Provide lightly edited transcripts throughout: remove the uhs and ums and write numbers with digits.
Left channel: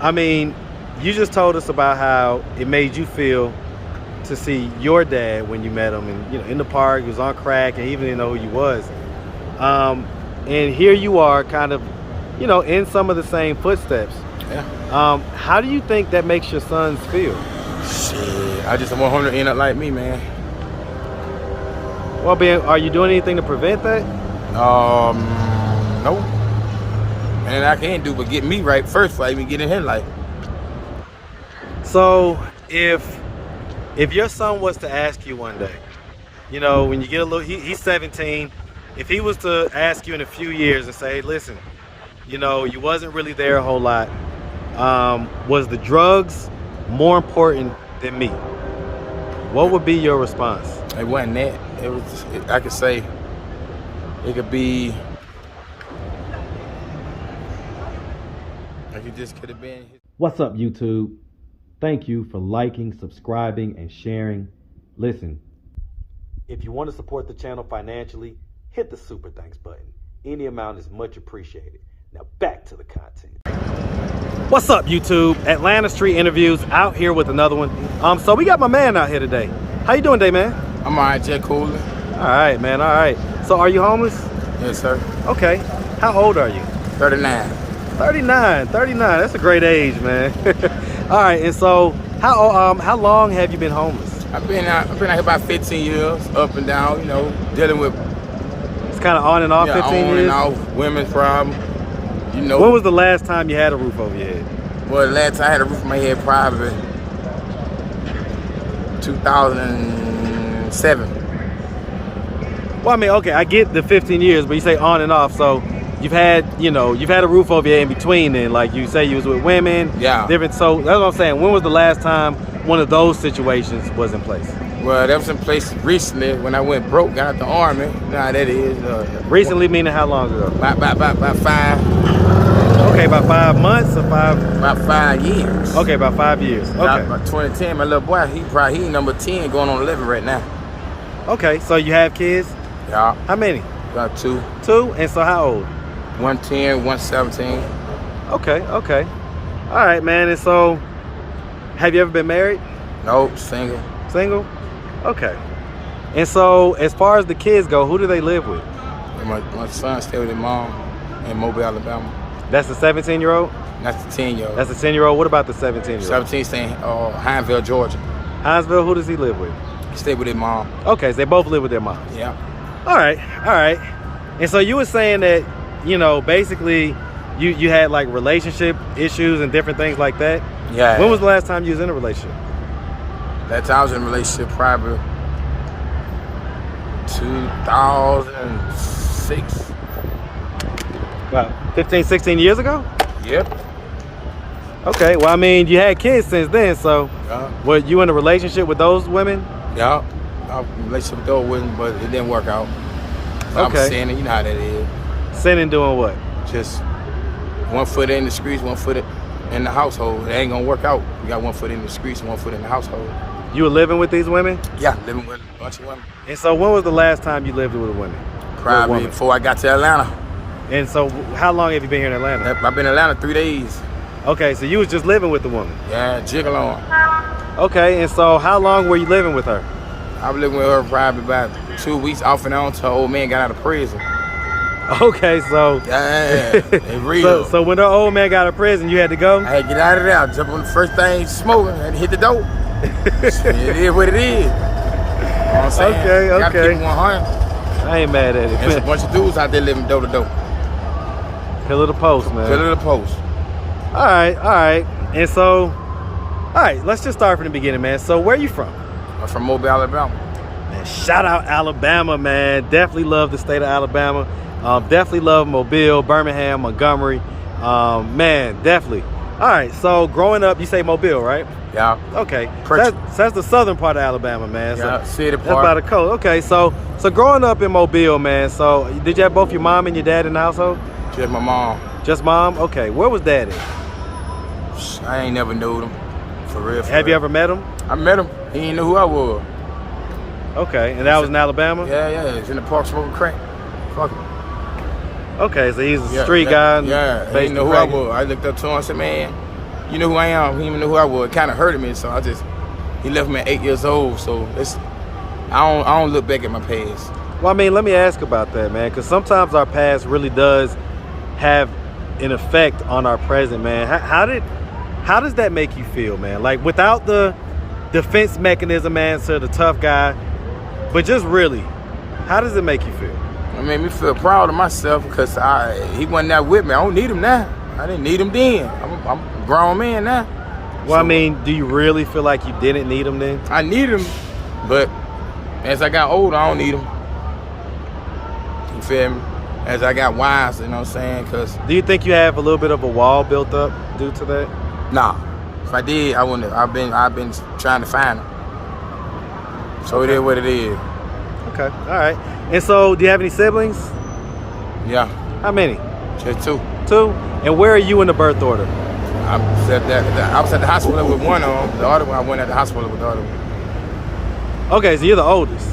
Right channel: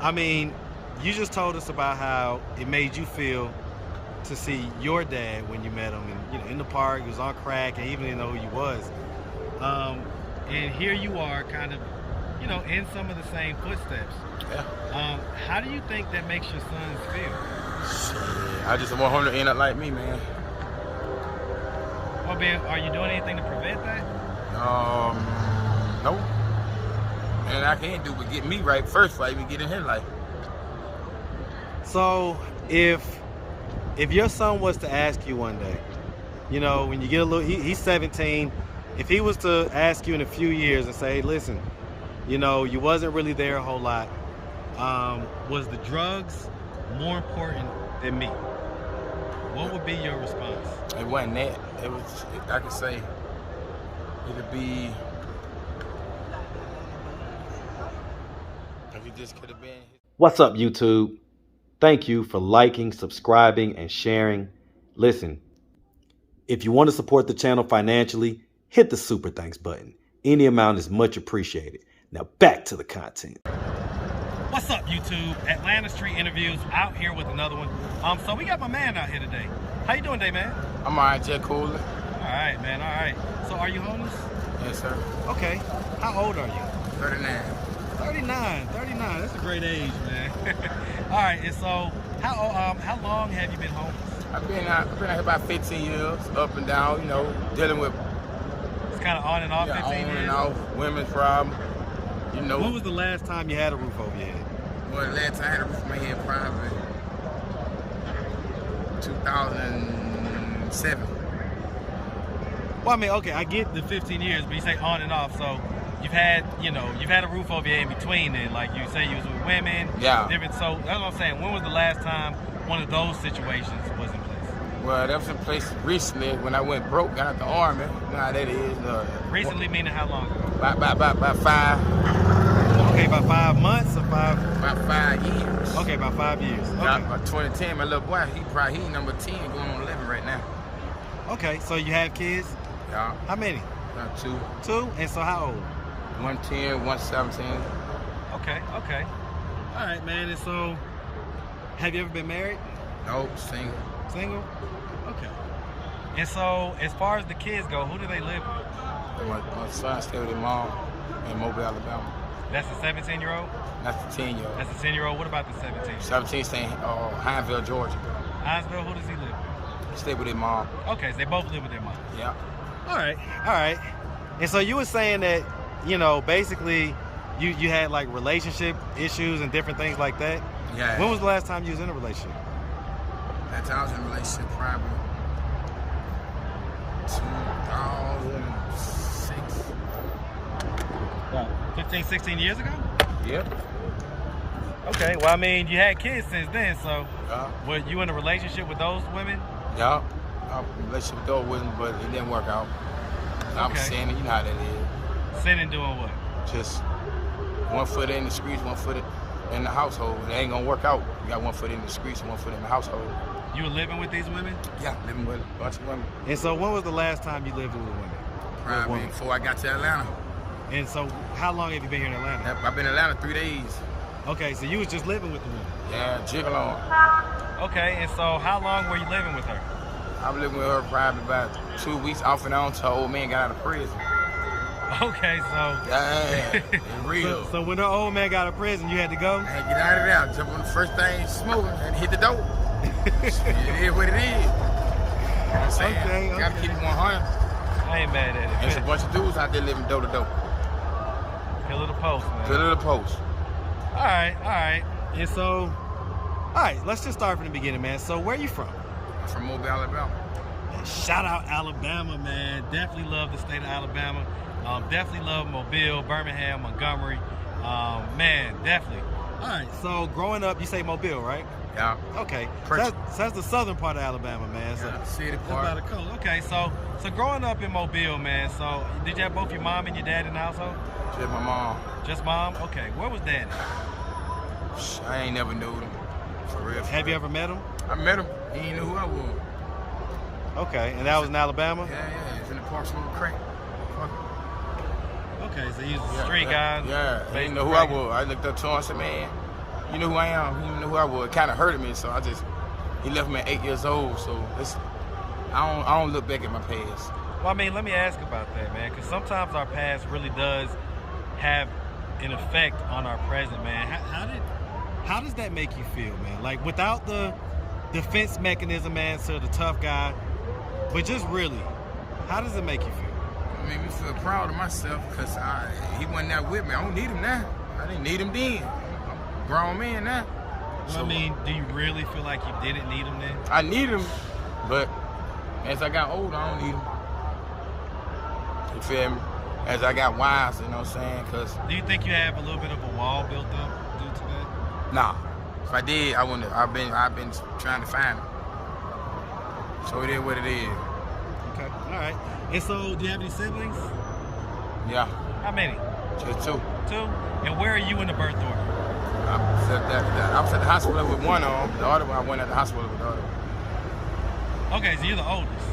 I mean, you just told us about how it made you feel to see your dad when you met him, and in the park, he was on crack, and he even didn't know who you was. And here you are, kind of, in some of the same footsteps. Yeah. How do you think that makes your sons feel? Shit, I just want him to end up like me, man. Well, Ben, are you doing anything to prevent that? No. And I can't do but get me right first before I even get in his life. So, if your son was to ask you one day, when you get a little, he's 17, if he was to ask you in a few years and say, hey, listen, you wasn't really there a whole lot, was the drugs more important than me? What would be your response? It wasn't that. It was just, I could say, it could be, like it just could have been. What's up, YouTube? Thank you for liking, subscribing, and sharing. Listen, if you want to support the channel financially, hit the super thanks button. Any amount is much appreciated. Now back to the content. What's up, YouTube? Atlanta Street Interviews out here with another one. So we got my man out here today. How you doing today, man? I'm all right, Jet Cooler. All right, man, all right. So are you homeless? Yes, sir. Okay. How old are you? 39. 39. That's a great age, man. All right, and so how long have you been homeless? I've been out here about 15 years, up and down, dealing with. It's kind of on and off. 15 on years? and off, women's problem. When was the last time you had a roof over your head? Well, the last time I had a roof over my head probably 2007. Well, I mean, okay, I get the 15 years, but you say on and off, so you've had a roof over your head in between then, like you say you was with women. Yeah. Different, so that's what I'm saying. When was the last time one of those situations was in place? Well, that was in place recently when I went broke, got out the army. You know how that is. Recently meaning how long ago? About 5. Okay, about 5 months or 5? About 5 years. Okay, about 5 years. Okay. About 2010, my little boy, he number 10, going on 11 right now. Okay, so you have kids? Yeah. How many? About 2. 2? And so how old? 110, 117. Okay. All right, man. And so, have you ever been married? Nope, single. Single? Okay. And so, as far as the kids go, who do they live with? My son stay with his mom in Mobile, Alabama. That's the 17-year-old? That's the 10-year-old. That's the 10-year-old. What about the 17-year-old? 17 staying in Hinesville, Georgia. Hinesville, who does he live with? He stay with his mom. Okay, so they both live with their moms. Yeah. All right. And so you were saying that, basically you had like relationship issues and different things like that? Yeah. When was the last time you was in a relationship? That time I was in a relationship probably 2006. Wow, 15, 16 years ago? Yep. Okay, well, I mean, you had kids since then, so were you in a relationship with those women? Yeah, I was in a relationship with those women, but it didn't work out. So I was sinning, you know how that is. Sinning doing what? Just one foot in the streets, one foot in the household. It ain't gonna work out. You got one foot in the streets and one foot in the household. You were living with these women? Yeah, living with a bunch of women. And so when was the last time you lived with a woman? Probably before I got to Atlanta. And so how long have you been here in Atlanta? I've been in Atlanta 3 days. Okay, so you was just living with the woman? Yeah, jiggle on. Okay, and so how long were you living with her? I was living with her probably about 2 weeks off and on till her old man got out of prison. Okay, so... Yeah, it's real. So when her old man got out of prison, you had to go? I had to get out of there, jump on the first thing smoking and hit the dope. It is what it is. You know what I'm saying? Okay. Gotta keep it 100. I ain't mad at it. There's a bunch of dudes out there living dope to dope. Pillar to post, man. Pillar to post. All right. And so, all right, let's just start from the beginning, man. So where are you from? I'm from Mobile, Alabama. Man, shout out Alabama, man. Definitely love the state of Alabama. Definitely love Mobile, Birmingham, Montgomery. Man, definitely. All right, so growing up, you say Mobile, right? Yeah. Okay. That's the southern part of Alabama, man. Yeah, so city part. That's by the coast. Okay, so growing up in Mobile, man, so did you have both your mom and your dad in the household? Just my mom. Just mom? Okay. Where was dad at? I ain't never knew him. For real. Have you ever met him? I met him. He didn't know who I was. Okay, and that was in Alabama? Yeah. He's in the park smoking crack. Fuck him. Okay, so he's a street guy. Yeah, he didn't know who I was. I looked up to him and said, man, you know who I am. He even knew who I was. It kind of hurted me, so he left me at 8 years old. So I don't look back at my past. Well, I mean, let me ask about that, man, because sometimes our past really does have an effect on our present, man. How does that make you feel, man? Like, without the defense mechanism answer, the tough guy, but just really, how does it make you feel? It made me feel proud of myself because he wasn't there with me. I don't need him now. I didn't need him then. I'm a grown man now. Well, so, I mean, do you really feel like you didn't need him then? I need him, but as I got older, I don't need him. You feel me? As I got wiser, you know what I'm saying? Cause do you think you have a little bit of a wall built up due to that? Nah. If I did, I wouldn't have. I've been trying to find him. So okay. It is what it is. Okay, all right. And so, do you have any siblings? Yeah. How many? Just 2. 2? And where are you in the birth order? I was at the hospital with one of them. The other one, I went at the hospital with the other one. Okay, so you're the oldest.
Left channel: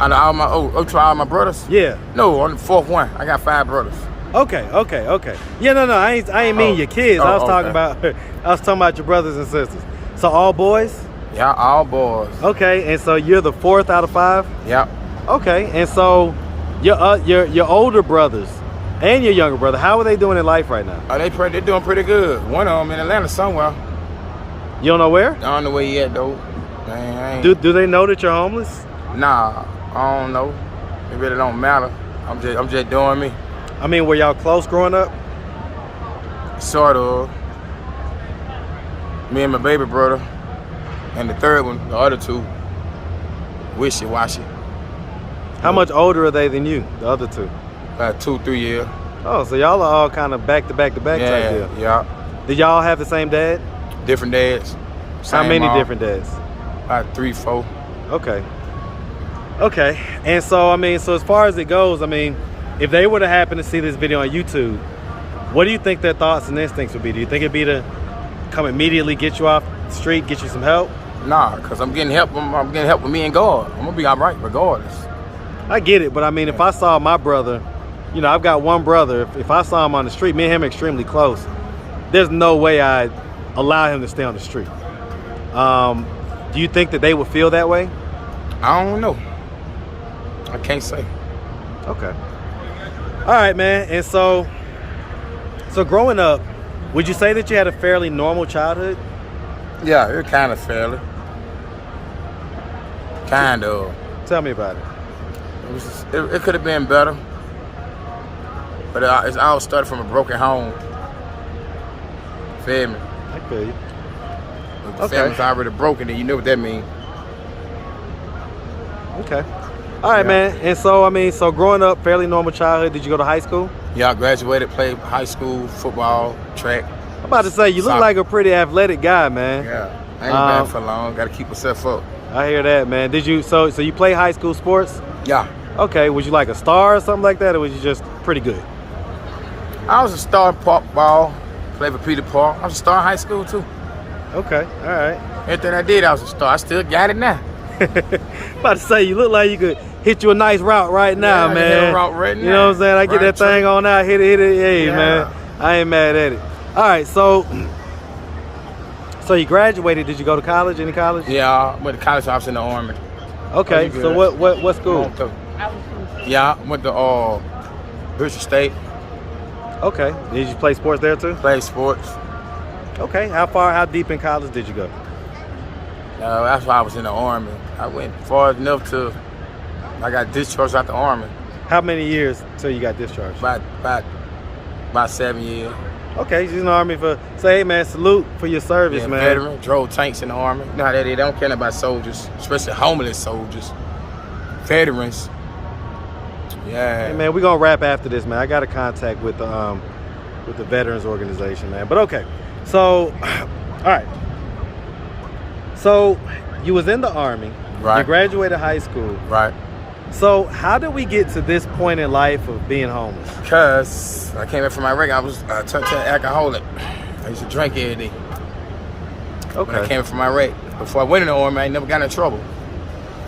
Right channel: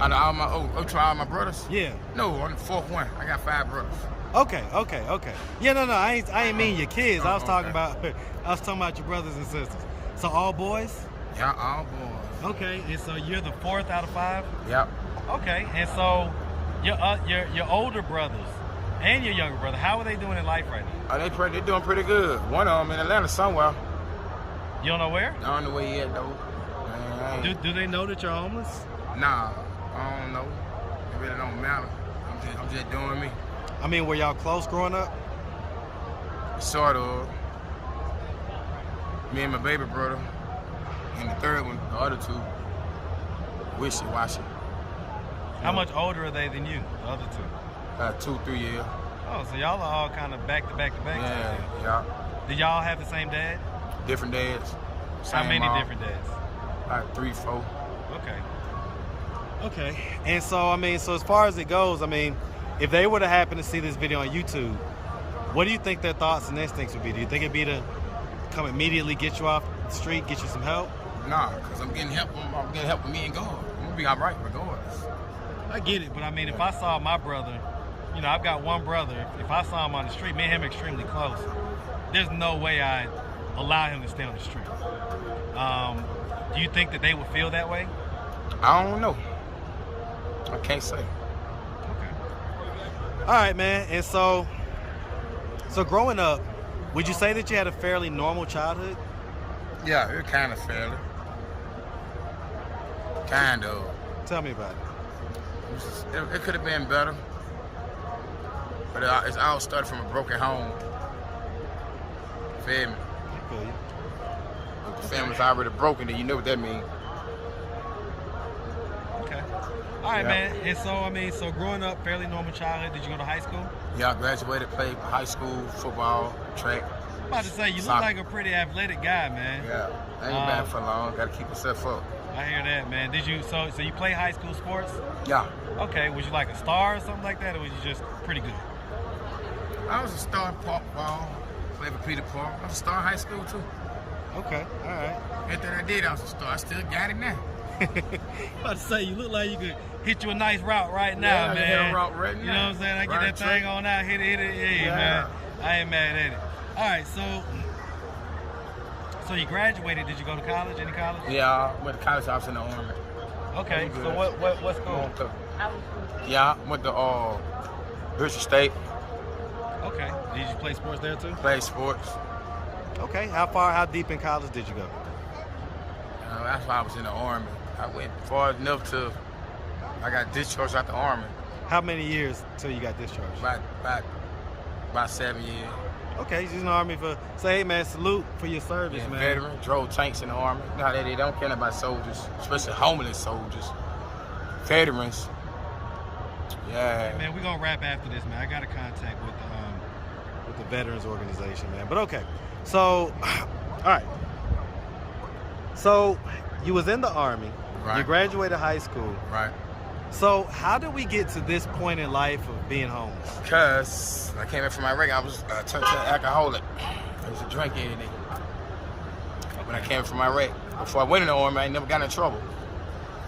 Out of all my brothers? Yeah. No, I'm the 4th one. I got 5 brothers. Okay. Yeah, no, I ain't mean your kids. I was talking about your brothers and sisters. So all boys? Yeah, all boys. Okay, and so you're the 4th out of 5? Yep. Okay, and so your older brothers and your younger brother, how are they doing in life right now? Oh, they're doing pretty good. One of them in Atlanta somewhere. You don't know where? I don't know where he at though. Do they know that you're homeless? Nah, I don't know. It really don't matter. I'm just doing me. I mean, were y'all close growing up? Sort of. Me and my baby brother. And the third one, the other 2, wishy-washy. How much older are they than you, the other 2? 2-3 years. Oh, so y'all are all kind of back to back type deal. Yeah. Did y'all have the same dad? Different dads. How many different dads? About 3, 4. Okay. And so, I mean, so as far as it goes, I mean, if they were to happen to see this video on YouTube, what do you think their thoughts and instincts would be? Do you think it'd be to come immediately get you off the street, get you some help? Nah, because I'm getting help. I'm getting help with me and God. I'm going to be all right regardless. I get it, but I mean, if I saw my brother, you know, I've got one brother. If I saw him on the street, me and him are extremely close, there's no way I'd allow him to stay on the street. Do you think that they would feel that way? I don't know. I can't say. Okay. All right, man. And so growing up, would you say that you had a fairly normal childhood? Yeah, it kind of fairly. Kind of. Tell me about it. It could have been better, but it all started from a broken home. Feel me? I feel you. If the family's already broken, then you know what that means. Okay. All right, man. And so, I mean, so growing up, fairly normal childhood. Did you go to high school? Yeah, I graduated, played high school, football, track. I'm about to say, you look like a pretty athletic guy, man. Yeah, I ain't bad for long. Got to keep myself up. I hear that, man. Did you? So you play high school sports? Yeah. Okay. Was you like a star or something like that, or was you just pretty good? I was a star in park ball. Played for Peter Park. I was a star in high school too. Okay. All right. Everything I did, I was a star. I still got it now. About to say, you look like you could hit you a nice route right now, man. I can hit a route right now. You know what I'm saying? I get that thing on out, hit it. Hey, man. I ain't mad at it. All right, so you graduated. Did you go to college? Any college? Yeah, I went to college. I was in the Army. Okay, so what school? Yeah, I went to Bishop State. Okay. Did you play sports there too? Play sports. Okay. How deep in college did you go? That's why I was in the Army. I went far enough to I got discharged out the Army. How many years till you got discharged? About 7 years. Okay, she's in the Army for, say, hey, man, salute for your service, man. Veteran, drove tanks in the Army. You know how they don't care about soldiers, especially homeless soldiers. Veterans. Yeah. Hey, man, we're going to wrap after this, man. I got a contact with the Veterans Organization, man. But okay, so, all right. So, you was in the Army. Right. You graduated high school. Right. So, how did we get to this point in life of being homeless? Because I came back from Iraq, I was turned to an alcoholic. I used to drink every day. Okay. When I came from Iraq, before I went in the Army, I ain't never got in trouble.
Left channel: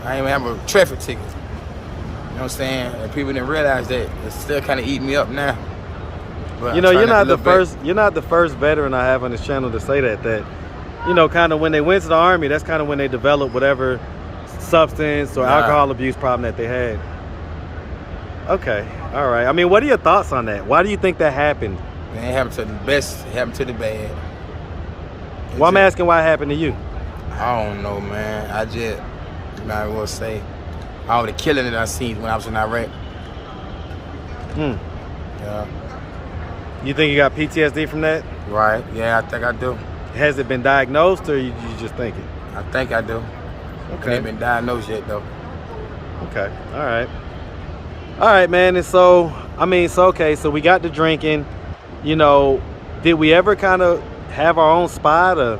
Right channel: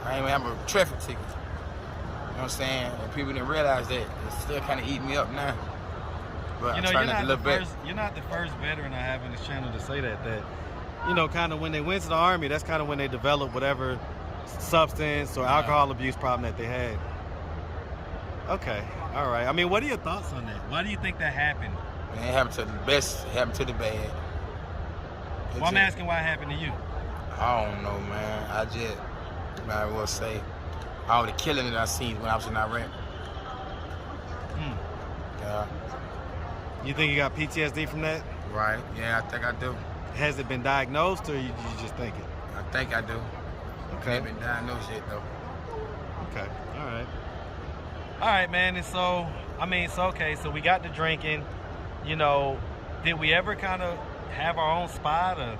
I ain't even have a traffic ticket. You know what I'm saying? And people didn't realize that. It's still kind of eating me up now. But You know, you're not the first. You're not the first veteran I have on this channel to say that. You know, kind of when they went to the Army, that's kind of when they developed whatever substance or alcohol abuse problem that they had. Okay, all right. I mean, what are your thoughts on that? Why do you think that happened? Man, it happened to the best. It happened to the bad. Well, I'm asking why it happened to you. I don't know, man. I just, I will say, all the killing that I seen when I was in Iraq. Yeah. You think you got PTSD from that? Right. Yeah, I think I do. Has it been diagnosed, or you just think it? I think I do. Okay. It ain't been diagnosed yet, though. Okay. All right. All right, man. And so, I mean, so okay. So we got the drinking. You know, did we ever kind of have our own spot, or?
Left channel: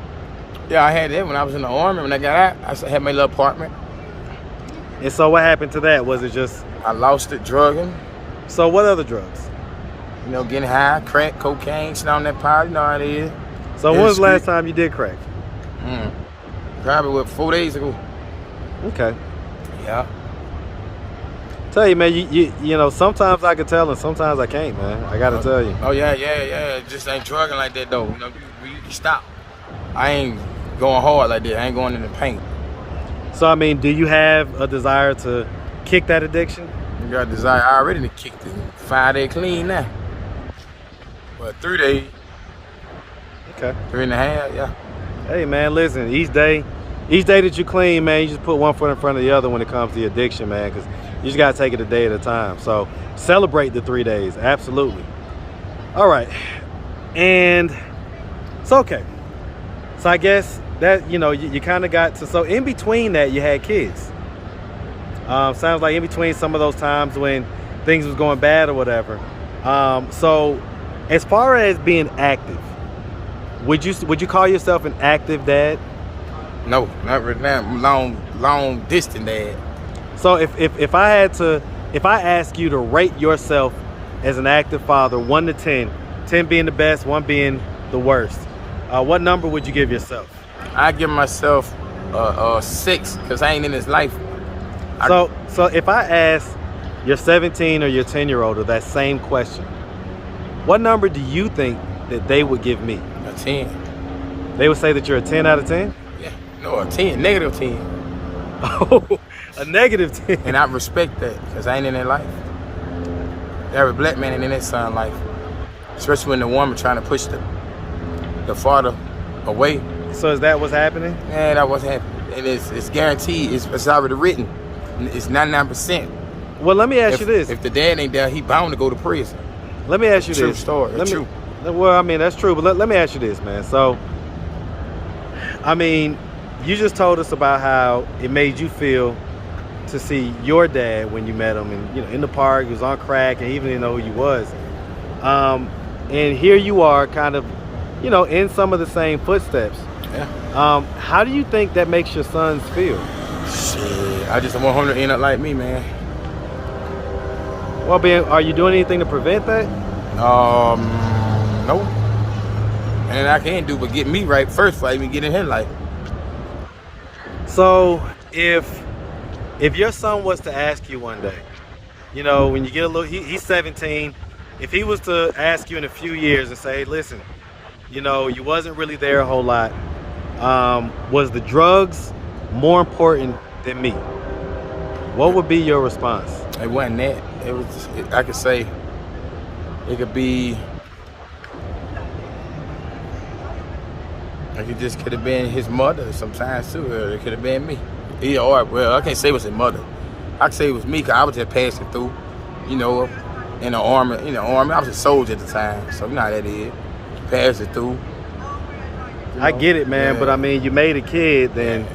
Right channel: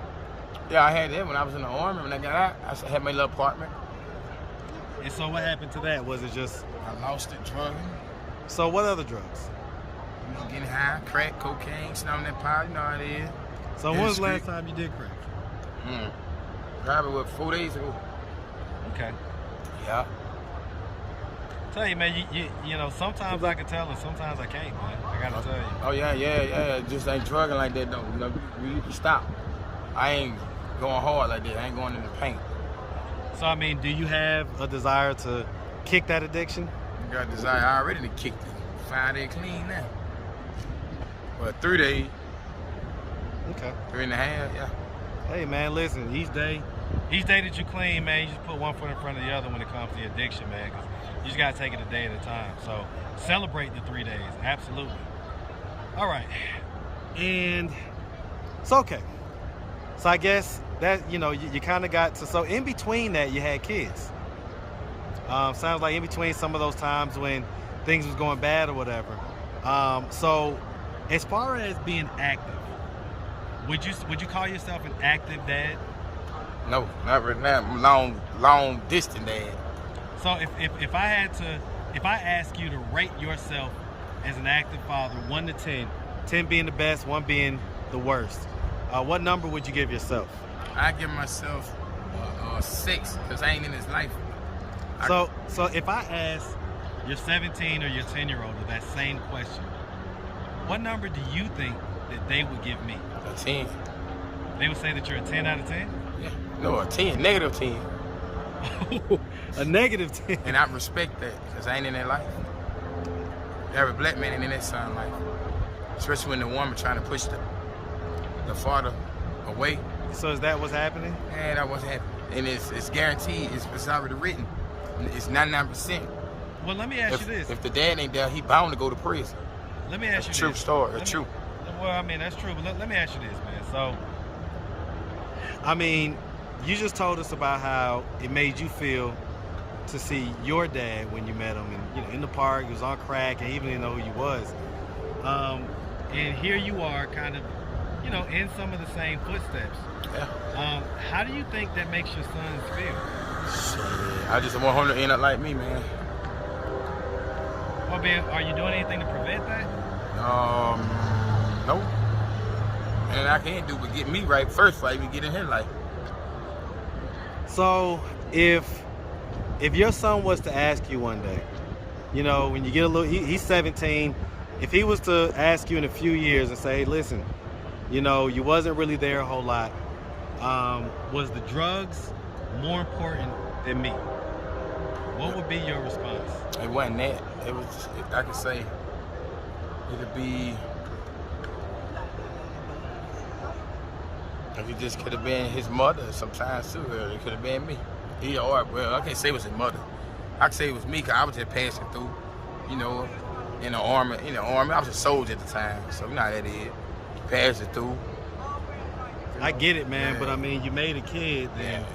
Yeah, I had that when I was in the Army. When I got out, I had my little apartment. And so what happened to that? Was it just? I lost it drugging. So what other drugs? You know, getting high, crack, cocaine, sitting on that pile. You know how it is. So when was the last time you did crack? Probably 4 days ago. Okay. Yeah. Tell you, man, you know, sometimes I can tell and sometimes I can't, man. I gotta tell you. Oh yeah. It just ain't drugging like that though. You know, you can stop. I ain't going hard like that. I ain't going in the paint. So I mean, do you have a desire to kick that addiction? You got a desire. I already kicked it. 5 days clean now. But 3 days. Okay. 3.5, yeah. Hey man, listen, each day that you clean, man, you just put one foot in front of the other when it comes to the addiction, man, because you just gotta take it a day at a time. So celebrate the 3 days, absolutely. All right, and so okay. So I guess that, you know, you kind of got to, so in between that you had kids. Sounds like in between some of those times when things was going bad or whatever. So as far as being active, would you call yourself an active dad? No, not right now. Long distance dad. So if I ask you to rate yourself as an active father, 1 to 10, 10 being the best, 1 being the worst, what number would you give yourself? I give myself 6 because I ain't in his life. So if I ask your 17 or your 10-year-old that same question, what number do you think that they would give me? A 10. They would say that you're a 10 out of 10? Yeah, no, a 10, negative 10. Oh, a negative 10. And I respect that because I ain't in their life. Every black man ain't in that son life. Especially when the woman trying to push the father away. So is that what's happening? Yeah, that what's happening. And it's guaranteed, it's already written. It's 99%. Well, let me ask you this. If the dad ain't there, he bound to go to prison. Let me ask you this. True story, true. Well, I mean, that's true, but let me ask you this, man. So, I mean, you just told us about how it made you feel to see your dad when you met him, and, you know, in the park, he was on crack, and he even didn't know who you was. And here you are kind of, you know, in some of the same footsteps. Yeah. How do you think that makes your sons feel? Shit, I just want him to end up like me, man. Well, Ben, are you doing anything to prevent that? No. And I can't do but get me right first before I even get in his life. So if your son was to ask you one day, you know, when you get a little, he's 17, if he was to ask you in a few years and say, hey, listen, you know, you wasn't really there a whole lot. Was the drugs more important than me? What would be your response? It wasn't that. It was, I could say, it could be, like it just could have been his mother sometimes too, or it could have been me. Either or, well, I can't say it was his mother. I could say it was me because I was just passing through, you know, in the army. I was a soldier at the time, so you know how that is. Passing through. I get it, man, yeah. But I mean, you made a kid, then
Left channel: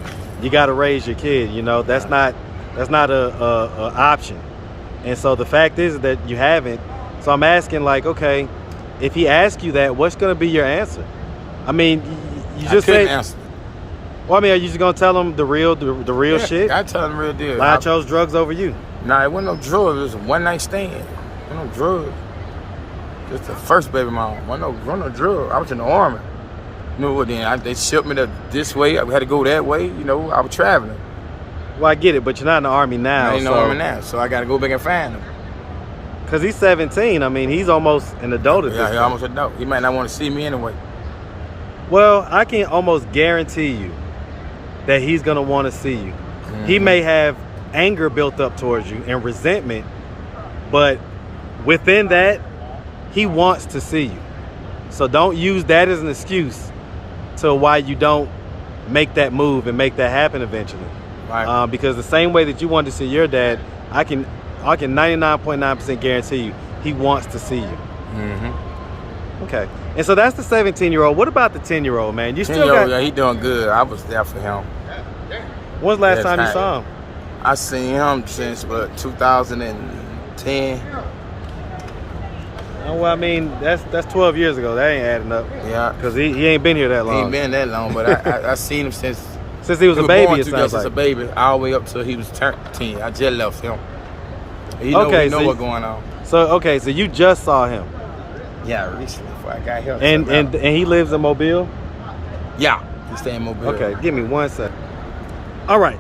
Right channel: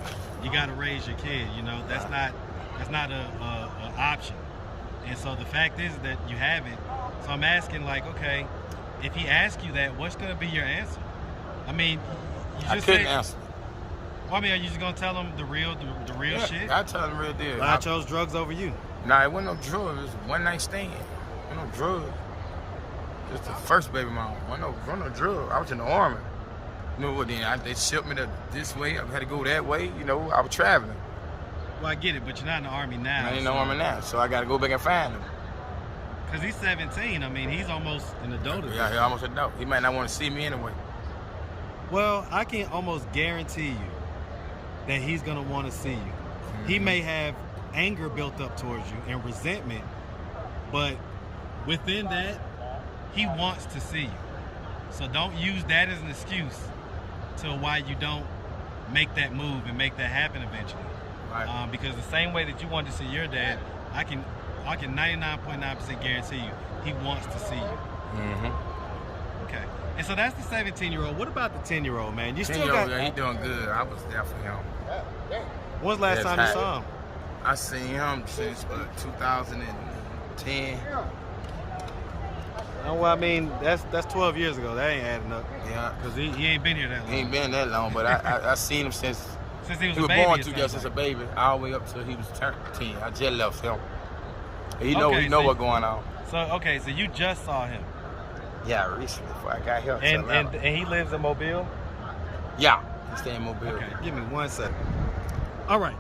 you got to raise your kid. You know, that's not a option. And so the fact is that you haven't. So I'm asking, like, okay, if he asks you that, what's going to be your answer? I mean, you just couldn't answer. Well, I mean, are you just going to tell him the real shit? I tell him the real deal. I chose drugs over you. Nah, it wasn't no drugs. It was a one-night stand. It wasn't no drugs. Just the first baby mom. Wasn't no drug. I was in the army. You know what? Then they shipped me this way. I had to go that way. You know, I was traveling. Well, I get it, but you're not in the army now. I ain't in the army now, so I got to go back and find them. Because he's 17. I mean, he's almost an adult at this Yeah, he's point. almost an adult. He might not want to see me anyway. Well, I can almost guarantee you that he's going to want to see you. Mm-hmm. He may have anger built up towards you and resentment, but within that, he wants to see you. So don't use that as an excuse to why you don't make that move and make that happen eventually. Right. Because the same way that you want to see your dad, I can 99.9% guarantee you he wants to see you. Mm-hmm. Okay. And so that's the 17-year-old. What about the 10-year-old, man? You still got... Yeah, he doing good. I was there for him. When's the last time you saw him? I seen him since 2010. Oh, well, I mean, that's 12 years ago. That ain't adding up. Yeah. Because he ain't been here that long. He ain't been that long, but I seen him since he was a baby. Born it to sounds just as a baby, all the way up till he was 10. I just left him. He know what's going on. So you just saw him. Yeah, recently before I got here. And he lives in Mobile? Yeah, he stay in Mobile. Okay, give me 1 second. All right.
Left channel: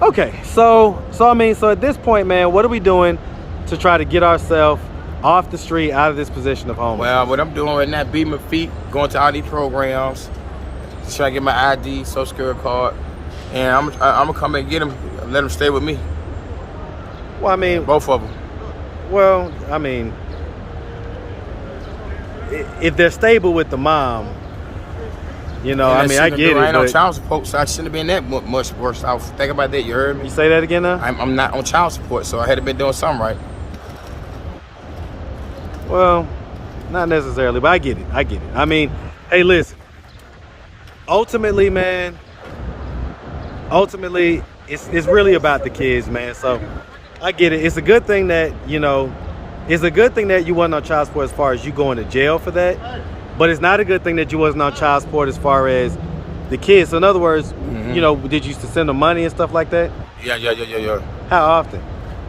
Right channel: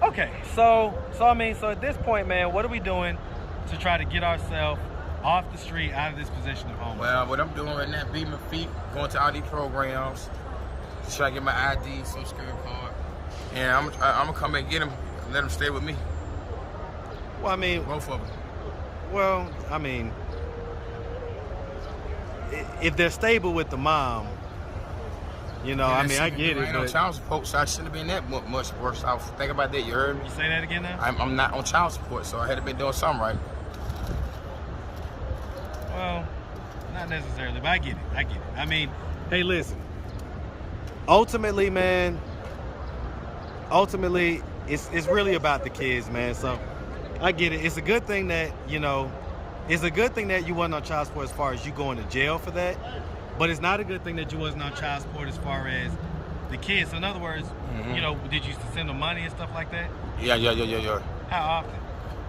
Okay, so at this point, man, what are we doing to try to get ourselves off the street, out of this position of homelessness? Well, what I'm doing right now, beating my feet, going to all these programs, trying to get my ID, social security card, and I'm gonna come and get him, let him stay with me. Well, I mean, both of them. Well, I mean, if they're stable with the mom, you know, I mean, I get it. I ain't on child support, so I shouldn't have been that much worse off. Think about that. You heard me? You say that again now? I'm not on child support, so I had to been doing something right. Well, not necessarily, but I get it. I mean, hey, listen. Ultimately, man, it's really about the kids, man. So I get it. It's a good thing that, you know, you wasn't on child support as far as you going to jail for that. But it's not a good thing that you wasn't on child support as far as the kids. So in other words, you know, did you used to send them money and stuff like that? Yeah. How often?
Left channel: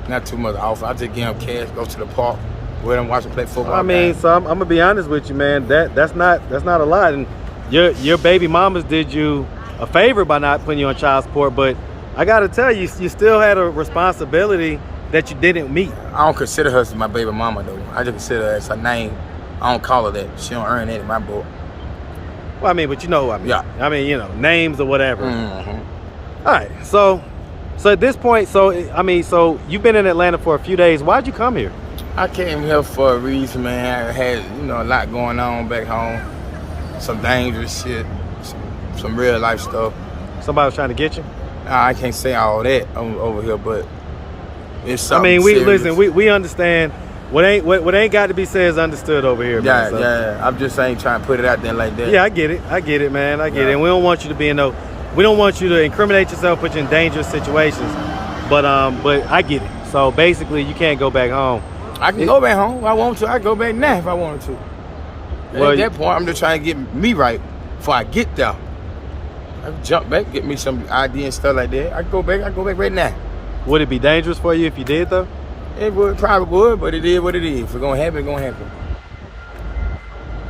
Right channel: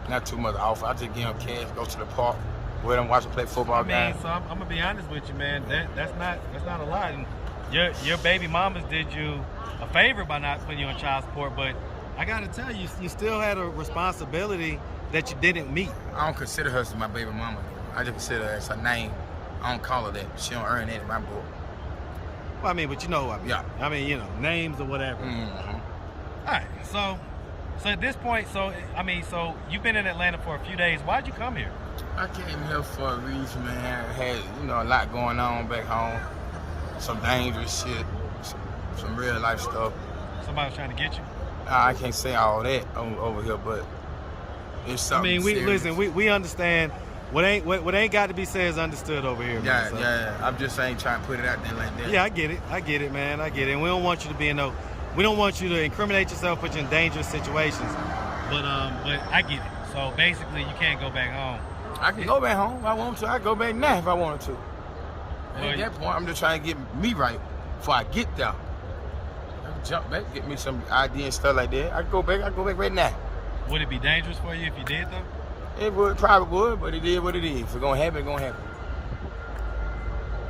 Not too much often. I just give them cash, go to the park, with them, watch them play football. I mean, so I'm gonna be honest with you, man. That's not a lot. And your baby mamas did you a favor by not putting you on child support. But I gotta tell you, you still had a responsibility that you didn't meet. I don't consider her as my baby mama though. I just consider her as her name. I don't call her that. She don't earn that in my book. Well, I mean, but you know what I mean. Yeah. I mean, you know, names or whatever. Mm-hmm. All right. So at this point, so you've been in Atlanta for a few days. Why'd you come here? I came here for a reason, man. I had, you know, a lot going on back home. Some dangerous shit. Some real life stuff. Somebody was trying to get you? I can't say all that over here, but it's something. I mean, serious. we understand. What ain't got to be said is understood over here, man. So. Yeah. I'm just saying, trying to put it out there like that. Yeah, I get it, man. I get it. And we don't want you to be we don't want you to incriminate yourself, put you in dangerous situations. But I get it. So basically, you can't go back home. I can go back home if I want to. I go back now if I wanted to. Well, at that point, I'm just trying to get me right before I get there. I can jump back, get me some ID and stuff like that. I can go back right now. Would it be dangerous for you if you did, though? It probably would, but it is what it is. If it's gonna happen, it's gonna happen.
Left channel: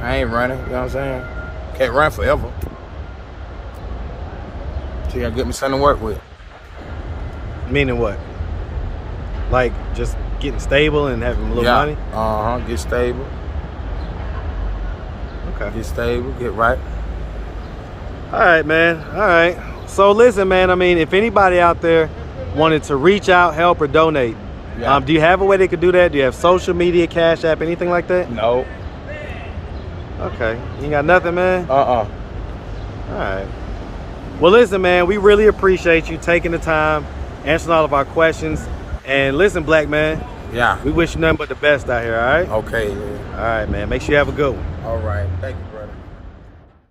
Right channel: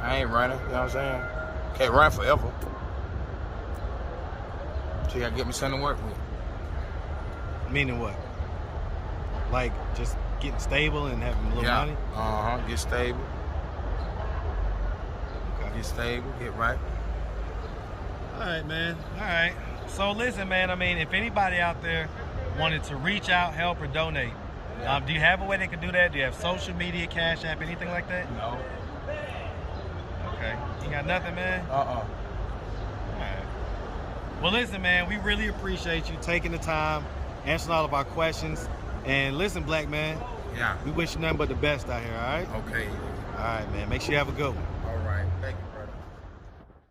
I ain't running, you know what I'm saying? Can't run forever. So you gotta get me something to work with. Meaning what? Like just getting stable and having a little money? Get stable. Okay. Get stable, get right. All right, man. All right. So listen, man, I mean, if anybody out there wanted to reach out, help, or donate, do you have a way they could do that? Do you have social media, Cash App, anything like that? No. Okay. You got nothing, man? All right. Well, listen, man, we really appreciate you taking the time, answering all of our questions. And listen, black man. Yeah. We wish you nothing but the best out here, all right? Okay, yeah. All right, man. Make sure you have a good one. All right. Thank you, brother.